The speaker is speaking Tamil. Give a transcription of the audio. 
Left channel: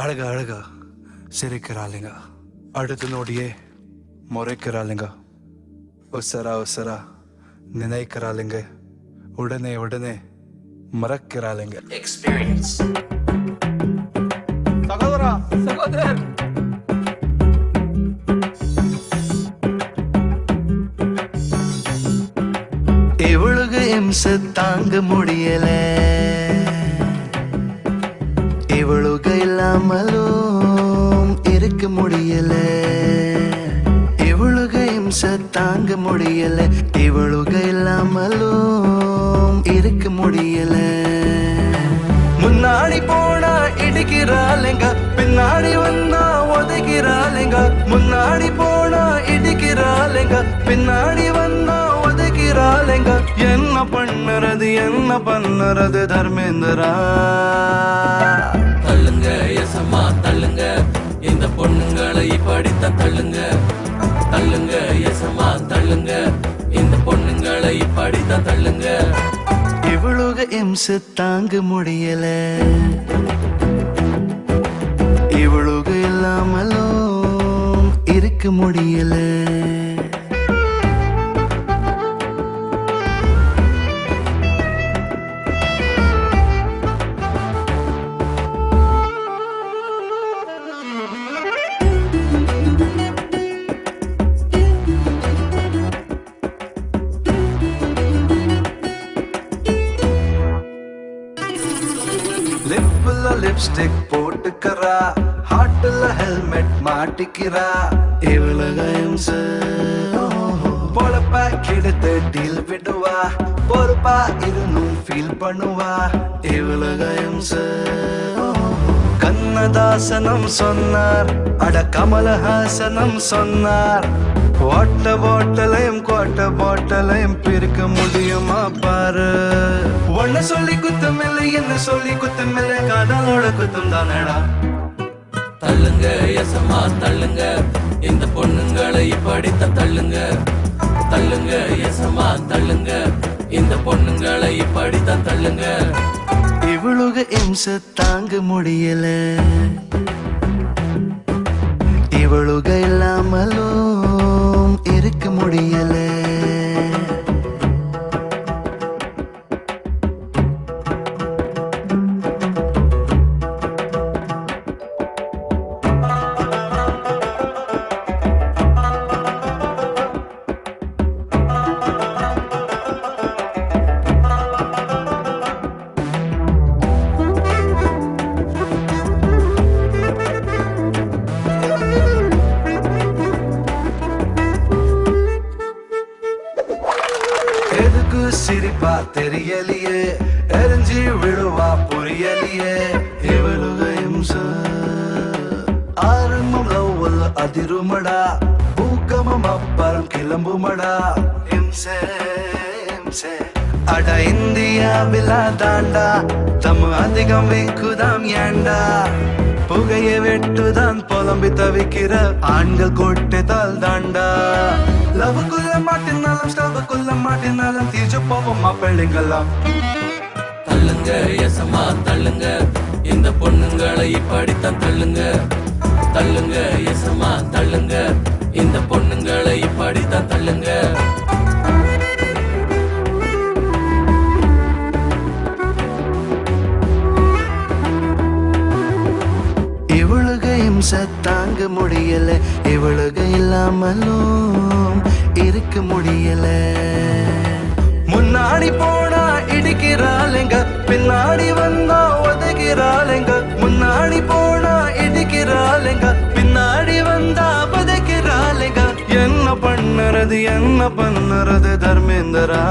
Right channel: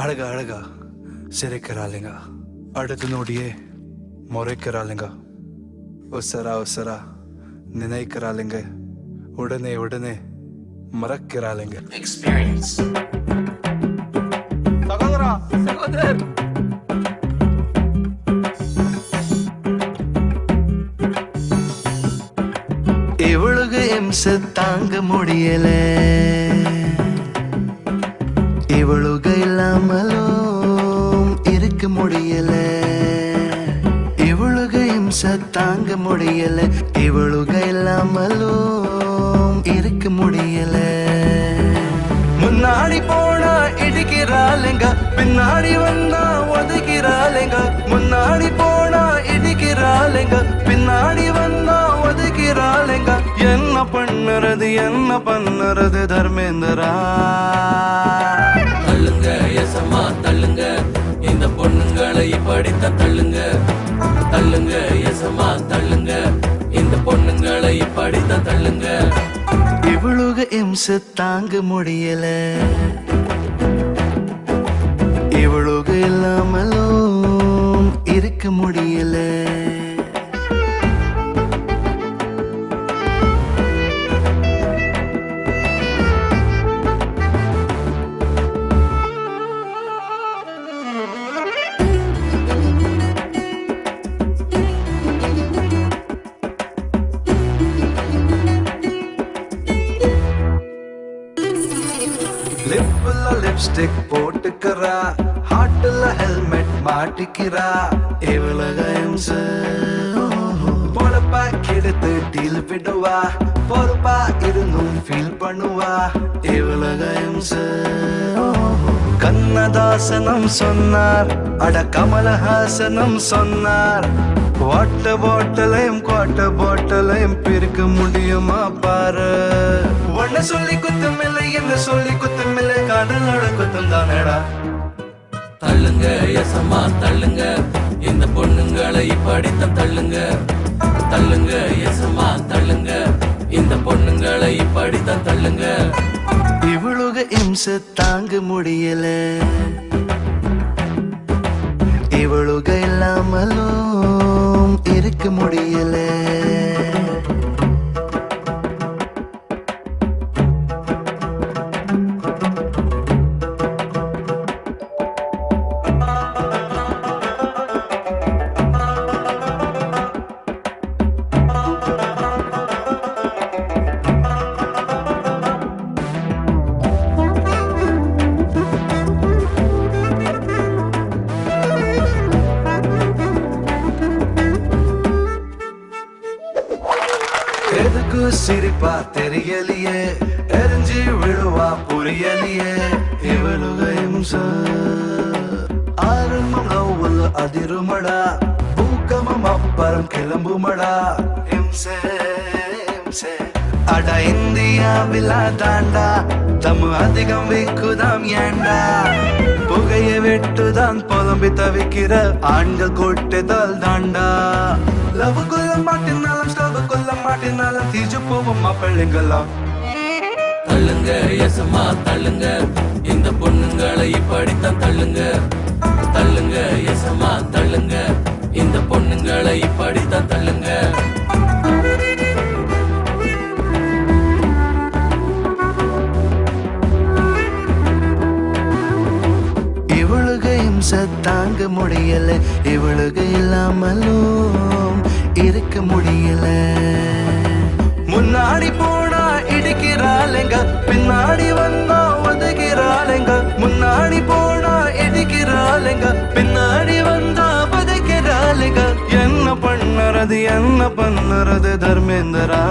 அழகா அழகா சிரிக்கிறாளுங்க, அடுத்த நொடியே முறைக்கிறாளுங்க, உசரா உசரா நினைக்கிறாளுங்க, உடனே உடனே மறக்கிறாளுங்க. experience. சகோதரா சகோதரர் இவளுக்கு இம்சை தாங்க முடியல, இவளுக்கு இல்லாமலும் இருக்க முடியல, இவளுக்கு இம்சை தாங்க முடியல, இவளுக்கு இல்லாமலும் இருக்க முடியல. முன்னாடி போனா இடிக்கிறாளுங்க, பின்னாடி வந்தா ஒதுக்கிறாளுங்க, முன்னாடி போனா இடிக்கிறாளுங்க, பின்னாடி வந்தா ஒதுக்கிறாளுங்க. என்ன பண்ணுறது தர்மேந்திரா? தள்ளுங்க எசமா தள்ளுங்க, இந்த பொண்ணுங்களை இப்படித்தான் தள்ளுங்க. தள்ளுங்க எசமா தள்ளுங்க, இந்த பொண்ணுங்களை இப்படித்தான் தள்ளுங்க. இவளுக இம்சை தாங்க முடியல, இவளுக இல்லாமலும் இருக்க முடியல. லிப்ல லிப்ஸ்டிக் போட்டுக்கிறா, ஹார்ட்ல ஹெல்மெட் மாட்டிக்கிறா, இவளுக இம்சை பொழப்பா கெடுத்து டீல் விடுவா, பொறுப்பா இருந்தும் ஃபீல் பண்ணுவா, இவளுக இம்சை. கண்ணதாசனம் சொன்னார், அட கமலஹாசனம் சொன்னார், வாட்ட பாட்டலையும் குவாட்ட பாட்டலையும் பிரிக்க முடியுமா பாரு. ஒன்ன சொல்லி குத்தம் இல்லை, என்ன சொல்லி குத்தம் இல்லை, காதலோட குத்தம் தானடா. தள்ளுங்க எசமா தள்ளுங்க, இந்த பொண்ணுங்களை இப்படித்தான் தள்ளுங்க. தள்ளுங்க எசமா தள்ளுங்க, இந்த பொண்ணுங்களை இப்படித்தான் தள்ளுங்க. இவளுக இம்சை தாங்க முடியல, இவளுக இல்லாமலும் இருக்க முடியல. எதுக்கு சிரிப்பா தெரியலையே, எரிஞ்சி விழுவா புரியலையே, இவளுக இம்சை. ஆரம்பம் லவ்வல் அதிருமடா, பூக்கமம் அப்புறம் கிளம்புமடா, இம்சை இம்சை. அட இந்தியாவில் தாண்டா தம் அதிகம் வைக்குதாம் ஏண்டா, புகையை வெட்டுதான் புலம்பி தவிக்கிற ஆண்கள் கூட்டத்தால் தாண்டா. லவ் கொல்ல மாட்டினாலும் ஸ்டவ் கொல்ல மாட்டினாலும் தீஜு போவோம் மாப்பிள்ளைங்கெல்லாம். தள்ளுங்க எசமா தள்ளுங்க, இந்த பொண்ணுங்களை இப்படித்தான் தள்ளுங்க. தள்ளுங்க எசமா தள்ளுங்க, இந்த பொண்ணுங்களை இப்படித்தான் தள்ளுங்க. இவளுக இம்சை தாங்க முடியல, இவளுக இல்லாமலும் இருக்க முடியல. முன்னாடி போனா இடிக்கிறாளுங்க, பின்னாடி வந்தா ஒதுக்கிறாளுங்க, முன்னாடி போனா இடிக்கிறாளுங்க, பின்னாடி வந்தா பதைக்கிறாளுங்க. என்ன பண்ணுறது தர்மேந்திரா?